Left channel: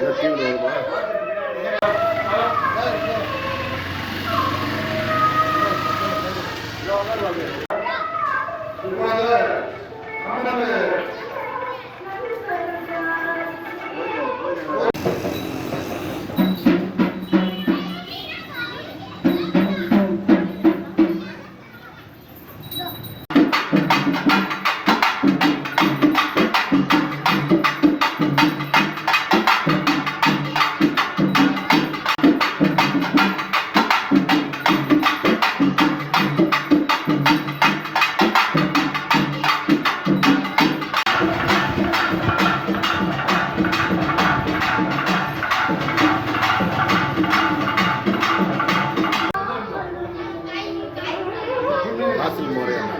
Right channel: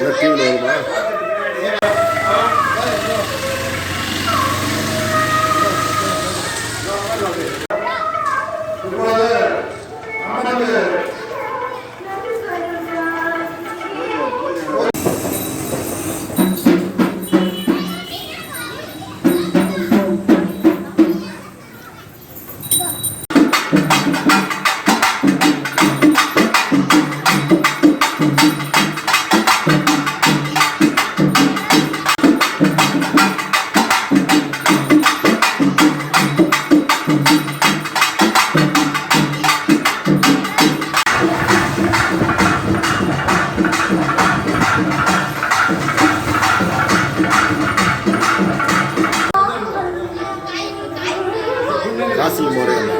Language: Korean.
이렇게 넣 Casi Moreno.